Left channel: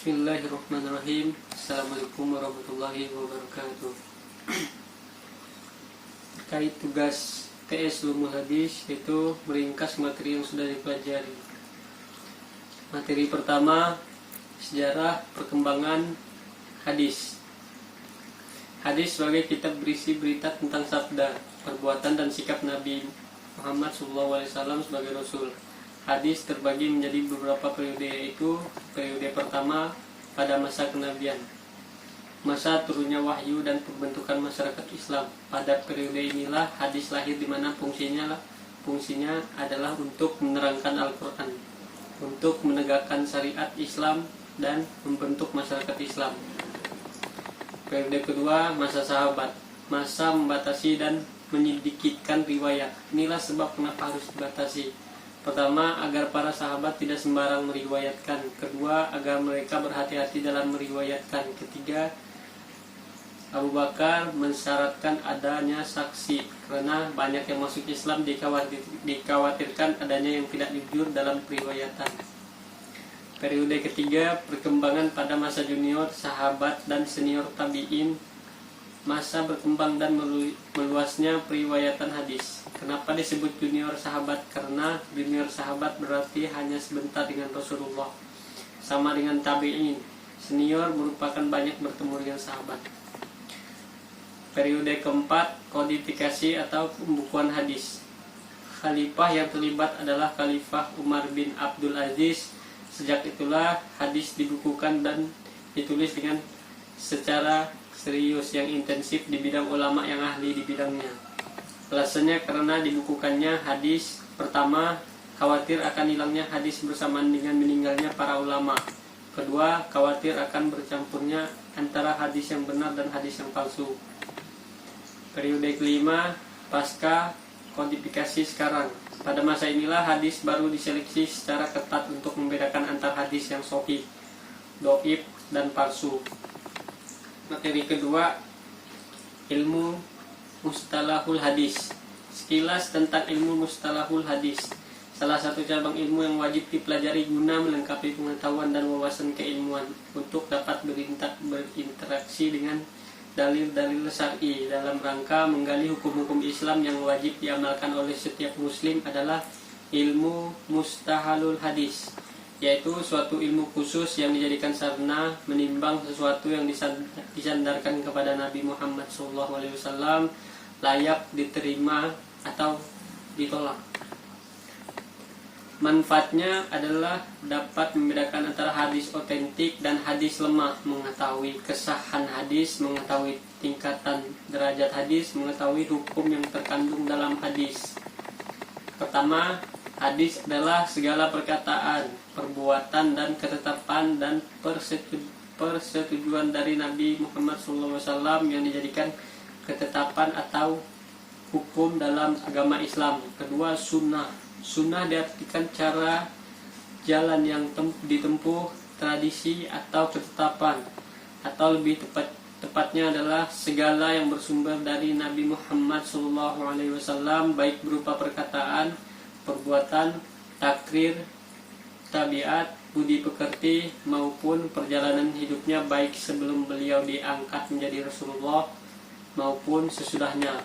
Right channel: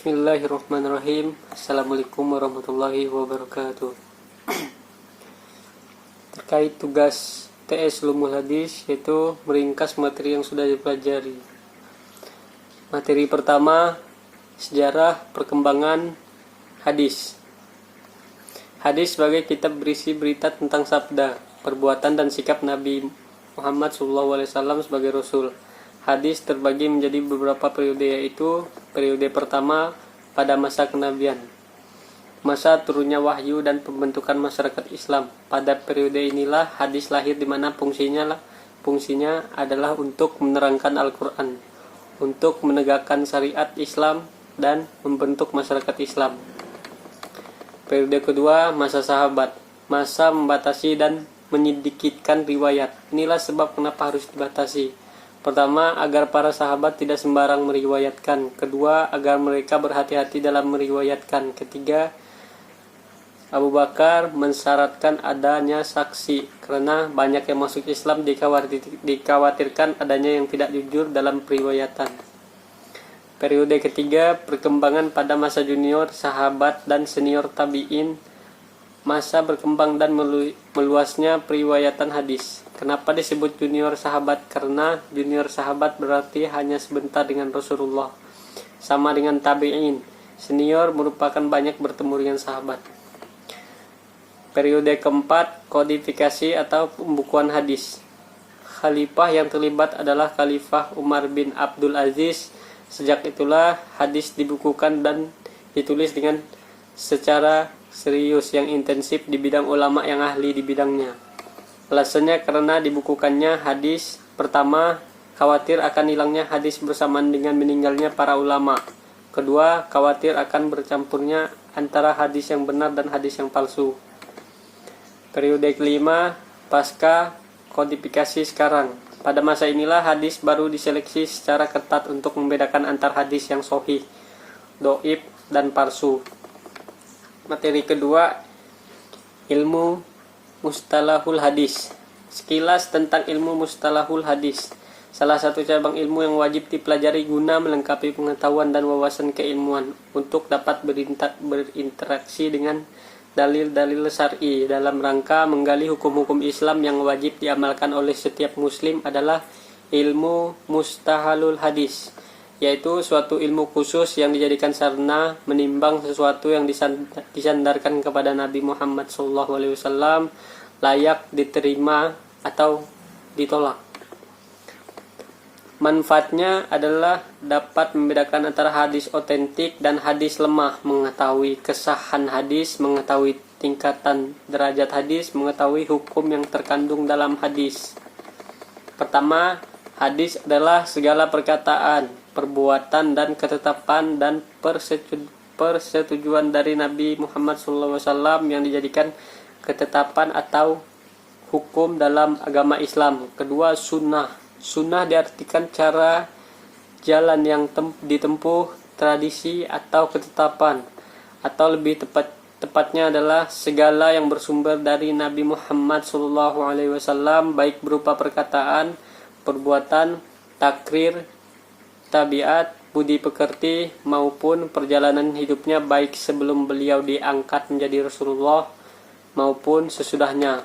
Bismillahirrahmanirrahim. Assalamualaikum warahmatullahi wabarakatuh. Terkait tugas TS Ulumul Hadis, yaitu meringkas materi yang sudah dipelajari. Materi pertama, sejarah perkembangan hadis. Hadis sebagai kitab berisi berita tentang sabda, perbuatan dan sikap Nabi Muhammad SAW sebagai Rasul. Hadis terbagi menjadi beberapa periode, yaitu periode pertama pada masa kenabian, masa turunnya wahyu dan pembentukan masyarakat Islam. Pada periode inilah hadis lahir, di mana fungsinya adalah untuk menerangkan Al-Quran, untuk menegakkan syariat Islam dan membentuk masyarakat Islam. Periode kedua, masa sahabat, masa membatasi dan menyedikitkan riwayat. Inilah sebab kenapa harus dibatasi. Pertama, agar para sahabat tidak sembarang meriwayatkan. Kedua, agar mereka berhati-hati dalam meriwayatkan. Ketiga, Abu Bakar mensyaratkan adanya saksi, karena banyak yang masuk Islam dikhawatirkan adanya yang tidak jujur dalam periwayatan. Periode ketiga, perkembangan pada masa junior sahabat dan senior tabi'in, masa berkembang dan meluasnya periwayatan hadis. Kenapa disebut junior sahabat? Karena junior sahabat berarti hanya sebentar dengan Rasulullah, sama dengan tabi'in. Senior merupakan banyak bertemu dengan sahabat. Periode keempat, kodifikasi atau pembukuan hadis. Khalifah yang terlibat adalah Khalifah Umar bin Abdul Aziz. Sejak itulah hadis dibukukan dan ditulis dengan secara serius yang intensif di bidang ulama yang ahli di bidangnya. Alasannya karena dibukukannya hadis. Pertama, khawatir akan hilangnya hadis bersamaan dengan meninggalnya para ulama. Kedua, khawatir akan bercampurnya antara hadis yang benar dan hadis yang palsu. Periode kelima, pasca kodifikasi sekarang. Pada masa inilah hadis baru diseleksi secara ketat untuk membedakan antar hadis yang sahih, dhaif, dan palsu. Materi kedua, ilmu mustalahul hadis. Sekilas tentang ilmu mustalahul hadis. Salah satu cabang ilmu yang wajib dipelajari guna melengkapi pengetahuan dan wawasan keilmuan untuk dapat berinteraksi dengan dalil-dalil syar'i dalam rangka menggali hukum-hukum Islam yang wajib diamalkan oleh setiap muslim adalah ilmu mustahalul hadis, yaitu suatu ilmu khusus yang dijadikan sarana menimbang sesuatu yang disandarkan kepada Nabi Muhammad SAW layak diterima atau ditolak. Manfaatnya adalah dapat membedakan antara hadis otentik dan hadis lemah, mengetahui kesahan hadis, mengetahui tingkatan derajat hadis, mengetahui hukum yang terkandung dalam hadis. Pertama, hadis adalah segala perkataan, perbuatan, dan ketetapan dan persetujuan dari Nabi Muhammad SAW yang dijadikan ketetapan atau hukum dalam agama Islam. Kedua, sunnah. Sunnah diartikan cara jalan yang ditempuh, tradisi atau ketetapan, atau lebih tepatnya adalah segala yang bersumber dari Nabi Muhammad SAW, baik berupa perkataan, perbuatan, takrir, tabiat, budi pekerti, maupun perjalanan hidupnya baik sebelum beliau diangkat menjadi Rasulullah maupun sesudahnya.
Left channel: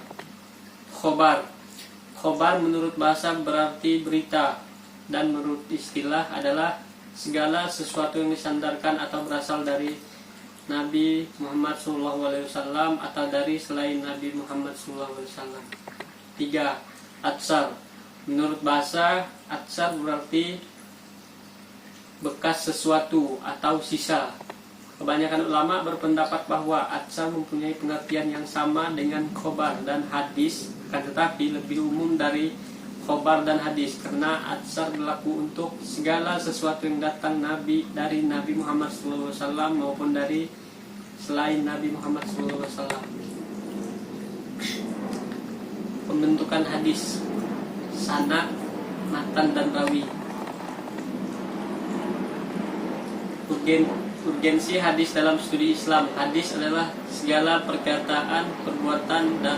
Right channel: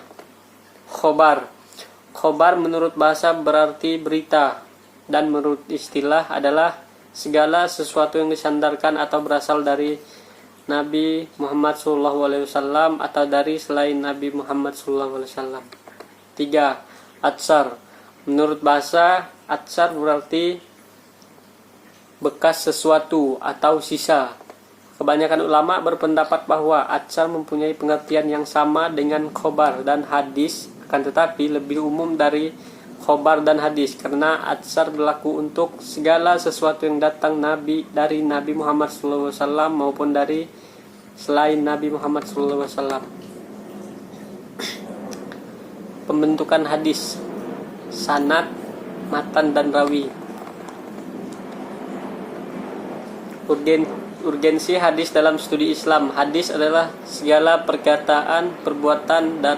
Khobar menurut bahasa berarti berita, dan menurut istilah adalah segala sesuatu yang disandarkan atau berasal dari Nabi Muhammad SAW atau dari selain Nabi Muhammad SAW. 3. Atsar. Menurut bahasa, atsar berarti bekas sesuatu atau sisa. Kebanyakan ulama berpendapat bahwa atsar mempunyai pengertian yang sama dengan khobar dan hadis, akan tetapi lebih umum dari khobar dan hadis, karena atsar berlaku untuk segala sesuatu yang datang dari Nabi Muhammad SAW maupun dari selain Nabi Muhammad SAW. Pembentukan hadis, sanad, matan, dan rawi. Urgensi hadis dalam studi Islam. Hadis adalah segala perkataan, perbuatan, dan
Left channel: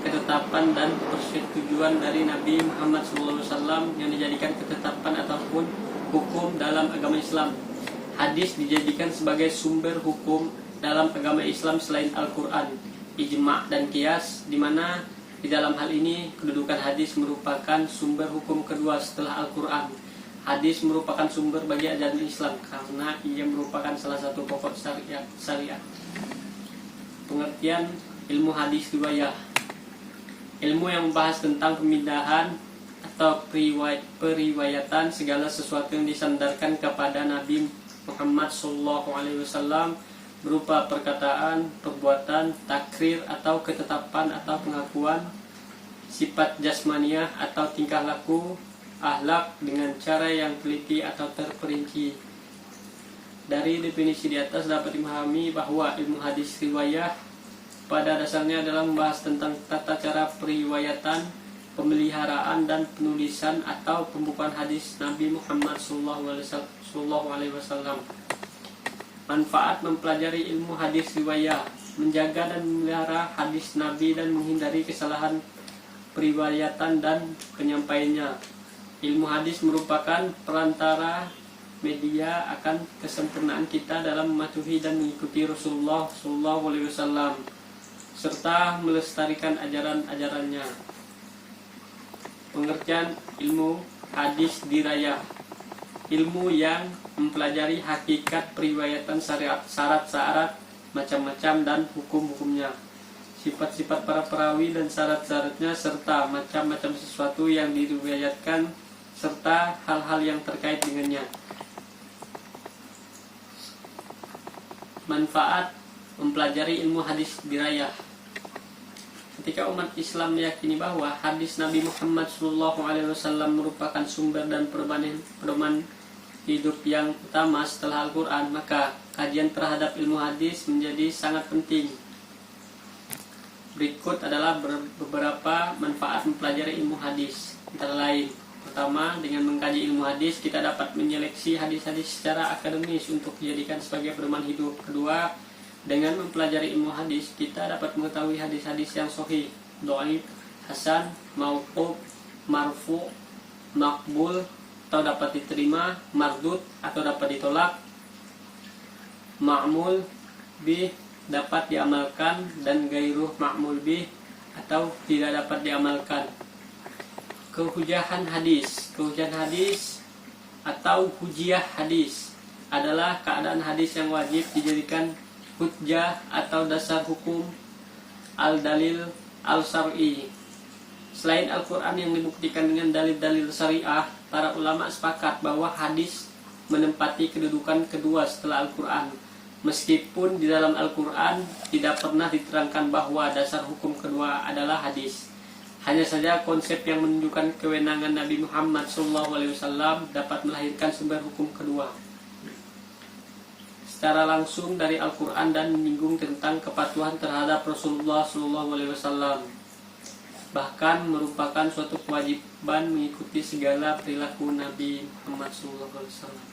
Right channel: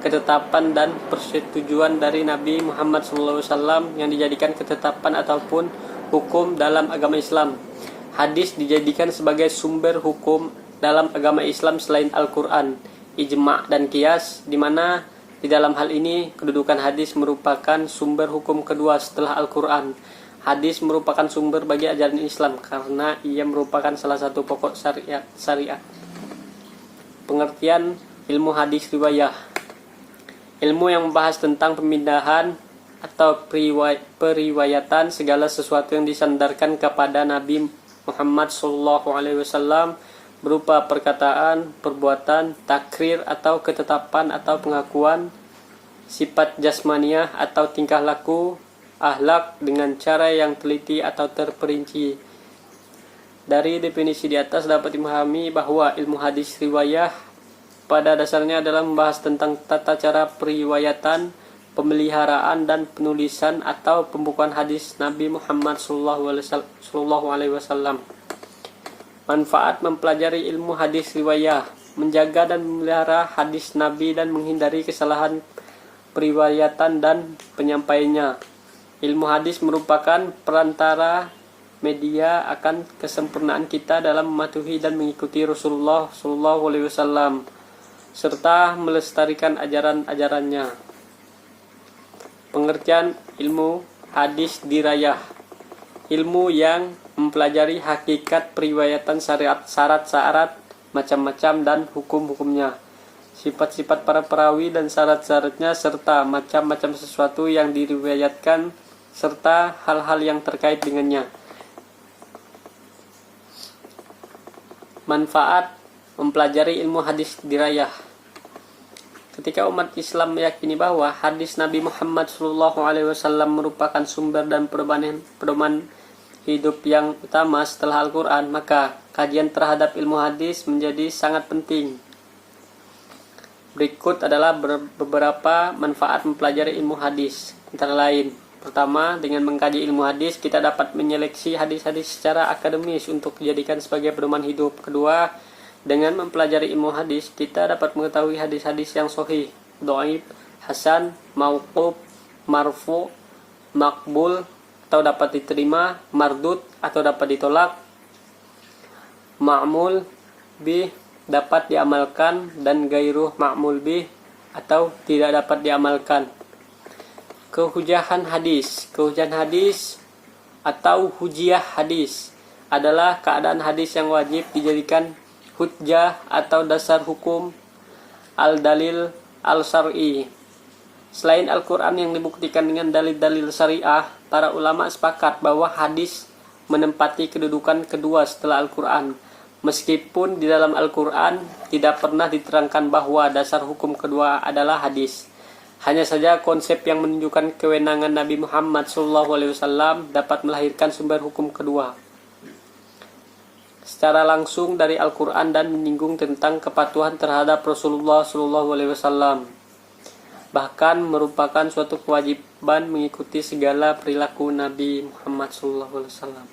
ketetapan dan persetujuan dari Nabi Muhammad SAW yang dijadikan ketetapan ataupun hukum dalam agama Islam. Hadis dijadikan sebagai sumber hukum dalam agama Islam selain Al-Quran, ijma' dan qiyas, di mana di dalam hal ini kedudukan hadis merupakan sumber hukum kedua setelah Al-Quran. Hadis merupakan sumber bagi ajaran Islam karena ia merupakan salah satu pokok syariat. Pengertian ilmu hadis riwayah: ilmu yang membahas tentang pemindahan atau periwayatan segala sesuatu yang disandarkan kepada Nabi Muhammad SAW berupa perkataan, perbuatan, takrir atau ketetapan atau pengakuan, sifat jasmaniah atau tingkah laku, akhlak dengan cara yang teliti atau terperinci. Dari definisi di atas dapat dipahami bahwa ilmu hadis riwayah pada dasarnya adalah membahas tentang tata cara periwayatan, pemeliharaan dan penulisan atau pembukuan hadis Nabi Muhammad SAW. Manfaat mempelajari ilmu hadis riwayah: menjaga dan memelihara hadis Nabi dan menghindari kesalahan periwayatan dan penyampaiannya. Ilmu hadis merupakan perantara media akan kesempurnaan kita dalam mematuhi dan mengikuti Rasulullah SAW serta melestarikan ajaran-ajarannya. Pengertian ilmu hadis dirayah: ilmu yang mempelajari hakikat periwayatan syarat-syarat macam-macam dan hukum-hukumnya, sifat-sifat para perawi dan syarat-syaratnya serta macam-macam sesuatu yang diriwayatkan serta hal-hal yang terkait dengannya. Manfaat mempelajari ilmu hadis dirayah: ketika umat Islam meyakini bahwa hadis Nabi Muhammad SAW merupakan sumber dan pedoman hidup yang utama setelah Al-Quran, maka kajian terhadap ilmu hadis menjadi sangat penting. Berikut adalah beberapa manfaat mempelajari ilmu hadis. Antara lain, pertama, dengan mengkaji ilmu hadis, kita dapat menyeleksi hadis-hadis secara akademis untuk dijadikan sebagai pedoman hidup. Kedua, dengan mempelajari ilmu hadis, kita dapat mengetahui hadis-hadis yang sahih, dhaif, hasan, mauquf, marfu, maqbul atau dapat diterima, mardud atau dapat ditolak, ma'mul bih dapat diamalkan, dan gairuh ma'mul bih atau tidak dapat diamalkan. Kehujahan hadis atau hujiyah hadis adalah keadaan hadis yang wajib dijadikan hujjah atau dasar hukum al-dalil al-syar'i. Selain Al-Quran yang dibuktikan dengan dalil-dalil syariah, para ulama sepakat bahwa hadis menempati kedudukan kedua setelah Al-Quran. Meskipun di dalam Al-Quran tidak pernah diterangkan bahwa dasar hukum kedua adalah hadis. Hanya saja konsep yang menunjukkan kewenangan Nabi Muhammad SAW dapat melahirkan sumber hukum kedua secara langsung dari Al-Quran dan menyinggung tentang kepatuhan terhadap Rasulullah SAW. Bahkan merupakan suatu kewajiban mengikuti segala perilaku Nabi Muhammad SAW.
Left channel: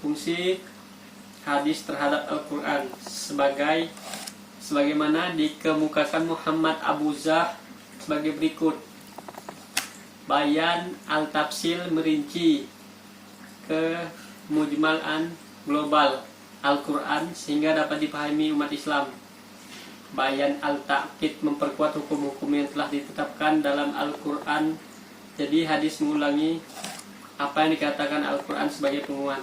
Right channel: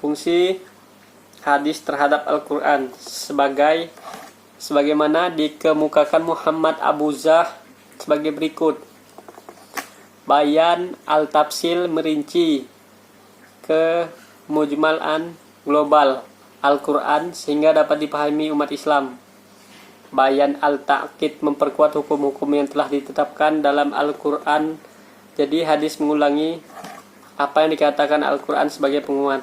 Fungsi hadis terhadap Al-Quran sebagaimana dikemukakan Muhammad Abu Zah sebagai berikut. Bayan al-tafsil merinci ke mujmalan global Al-Quran sehingga dapat dipahami umat Islam. Bayan al-ta'kid memperkuat hukum-hukum yang telah ditetapkan dalam Al-Quran. Jadi hadis mengulangi apa yang dikatakan Al-Quran sebagai penguat.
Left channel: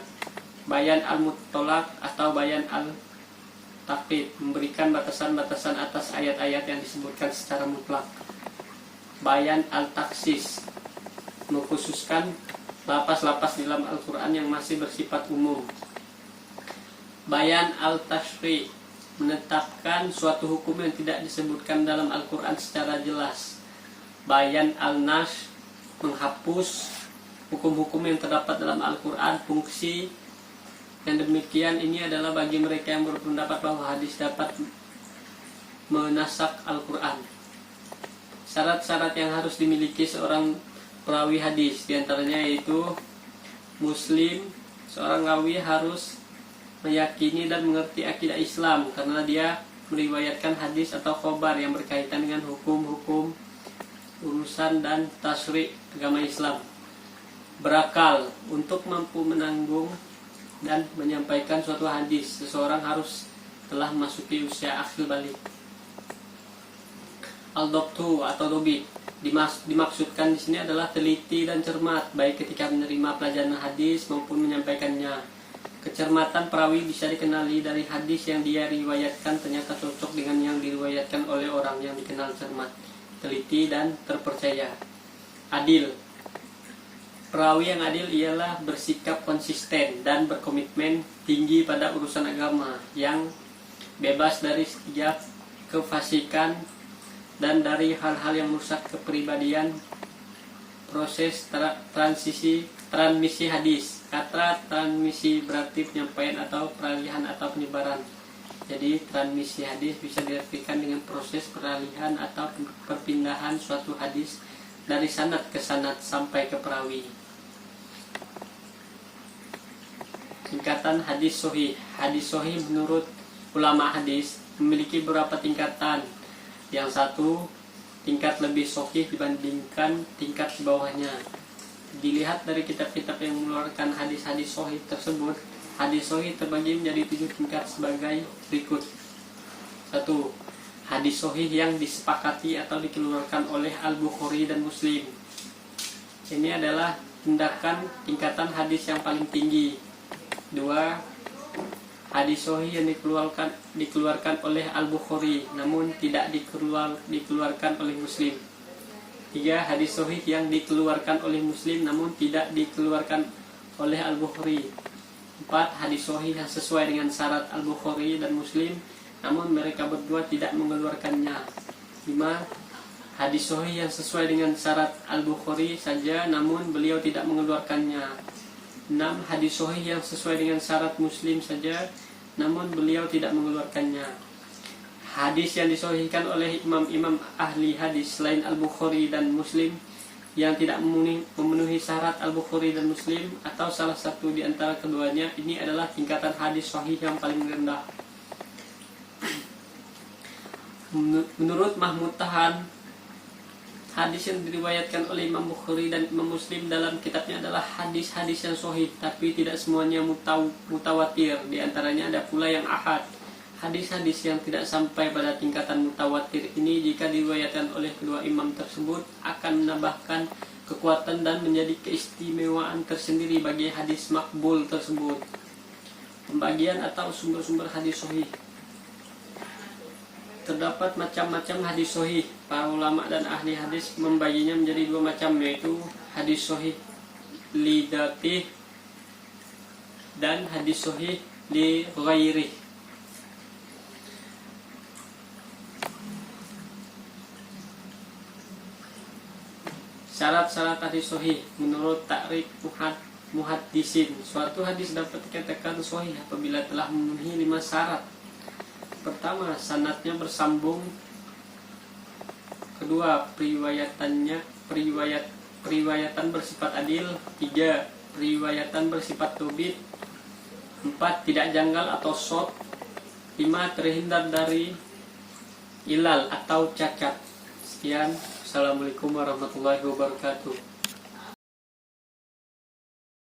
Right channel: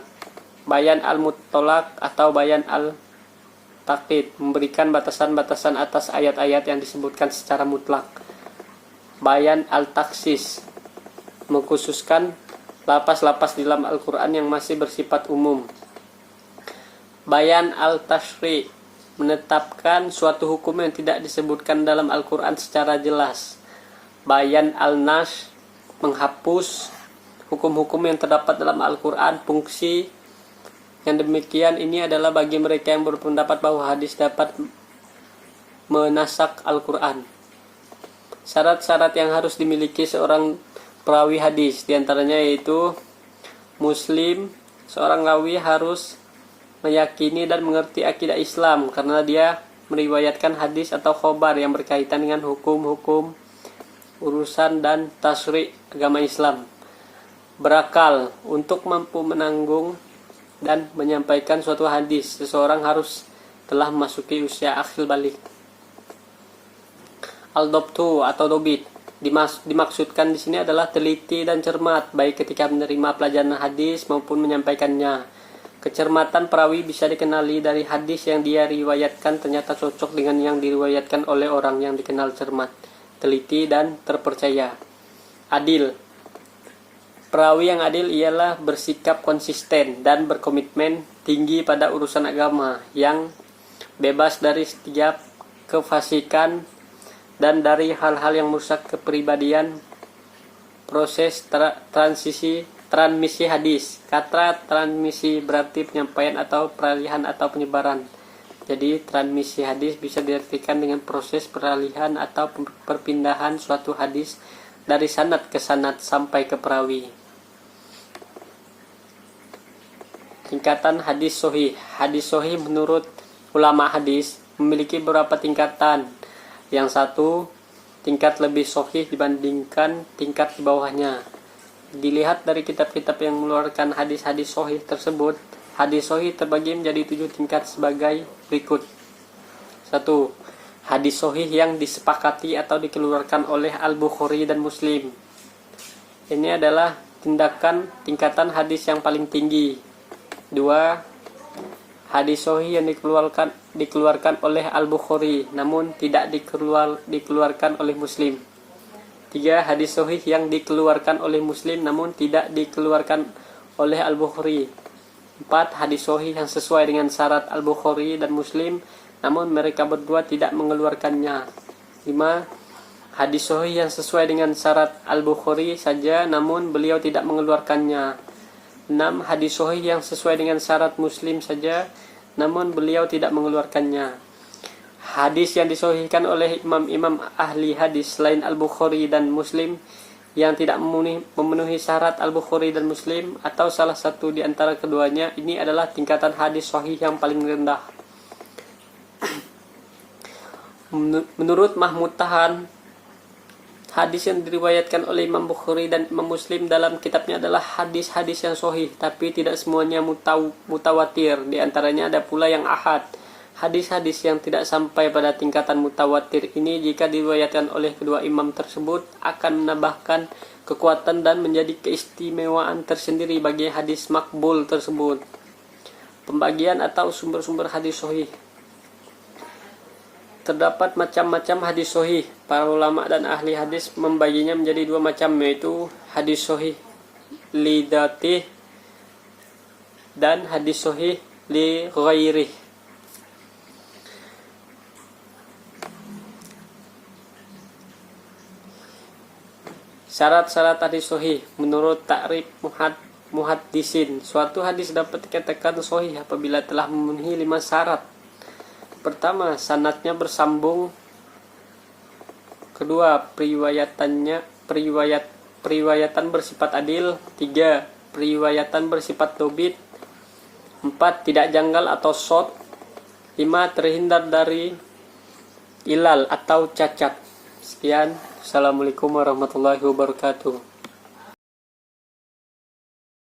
Bayan al-mutlaq atau bayan al-ta'kid memberikan batasan-batasan atas ayat-ayat yang disebutkan secara mutlak. Bayan al-taksis mengkhususkan lapas-lapas di dalam Al-Quran yang masih bersifat umum. Bayan al-tashri menetapkan suatu hukum yang tidak disebutkan dalam Al-Quran secara jelas. Bayan al-nash menghapus hukum-hukum yang terdapat dalam Al-Quran. Fungsi yang demikian ini adalah bagi mereka yang berpendapat bahwa hadis dapat menasak Al-Quran. Syarat-syarat yang harus dimiliki seorang perawi hadis diantaranya yaitu Muslim. Seorang rawi harus meyakini dan mengerti akidah Islam karena dia meriwayatkan hadis atau khobar yang berkaitan dengan hukum-hukum urusan dan tasri' agama Islam. berakal. Untuk mampu menanggung dan menyampaikan suatu hadis, seseorang harus telah memasuki usia akil balik. Al-dobtu atau dobit dimaksudkan di sini adalah teliti dan cermat, baik ketika menerima pelajaran hadis maupun menyampaikannya. Kecermatan perawi bisa dikenali dari hadis yang dia riwayatkan ternyata cocok dengan yang diriwayatkan oleh orang yang dikenal cermat, teliti, dan terpercaya. Adil. Perawi yang adil ialah bersikap konsisten dan berkomitmen tinggi pada urusan agama, yang bebas dari setiap kefasikan dan dari hal-hal yang merusak kepribadian. Proses transmisi hadis. Kata transmisi berarti penyampaian atau peralihan atau penyebaran. Jadi transmisi hadis bisa diartikan dengan proses peralihan atau perpindahan suatu hadis dari sanad ke sanad sampai ke perawi. Tingkatan hadis sahih. Hadis sahih menurut ulama hadis memiliki beberapa tingkatan. Yang satu, tingkat lebih sahih dibandingkan tingkat di bawahnya. Dilihat dari kitab-kitab yang mengeluarkan hadis-hadis sahih tersebut, hadis sahih terbagi menjadi 7 tingkat sebagai berikut. 1. Hadis sahih yang disepakati atau dikeluarkan oleh Al-Bukhari dan Muslim. Ini adalah tingkatan hadis yang paling tinggi. 2. Hadis sahih yang dikeluarkan oleh Al-Bukhari namun tidak dikeluarkan oleh Muslim. 3. Hadis sahih yang dikeluarkan oleh Muslim namun tidak dikeluarkan oleh Al-Bukhari. 4. Hadis sahih yang sesuai dengan syarat Al-Bukhari dan Muslim namun mereka berdua tidak mengeluarkannya. 5. Hadis sahih yang sesuai dengan syarat Al-Bukhari saja namun beliau tidak mengeluarkannya. 6. Hadis sahih yang sesuai dengan syarat Muslim saja namun beliau tidak mengeluarkannya. Hadis yang disahihkan oleh imam-imam ahli hadis selain Al-Bukhari dan Muslim yang tidak memenuhi syarat Al-Bukhari dan Muslim atau salah satu di antara keduanya, ini adalah tingkatan hadis sahih yang paling rendah. Menurut Mahmud Tahan, hadis yang diriwayatkan oleh Imam Bukhari dan Imam Muslim dalam kitabnya adalah hadis-hadis yang sahih, tapi tidak semuanya mutawatir. Di antaranya ada pula yang ahad. Hadis-hadis yang tidak sampai pada tingkatan mutawatir ini jika diriwayatkan oleh kedua imam tersebut akan menambahkan kekuatan dan menjadi keistimewaan tersendiri bagi hadis makbul tersebut. Pembagian atau sumber-sumber hadis sahih. Terdapat macam-macam hadis sahih. Para ulama dan ahli hadis membaginya menjadi 2 macam, yaitu hadis sahih li dzatih dan hadis sahih li ghairih. Syarat-syarat hadis sahih menurut takrif muhaddisin. Suatu hadis dapat dikatakan sahih apabila telah memenuhi 5 syarat. Pertama, sanadnya bersambung. Kedua, periwayatan bersifat adil. 3, periwayatan bersifat dobit. 4, tidak janggal atau shadz. 5, terhindar dari ilal atau cacat. Sekian. Assalamualaikum warahmatullahi wabarakatuh.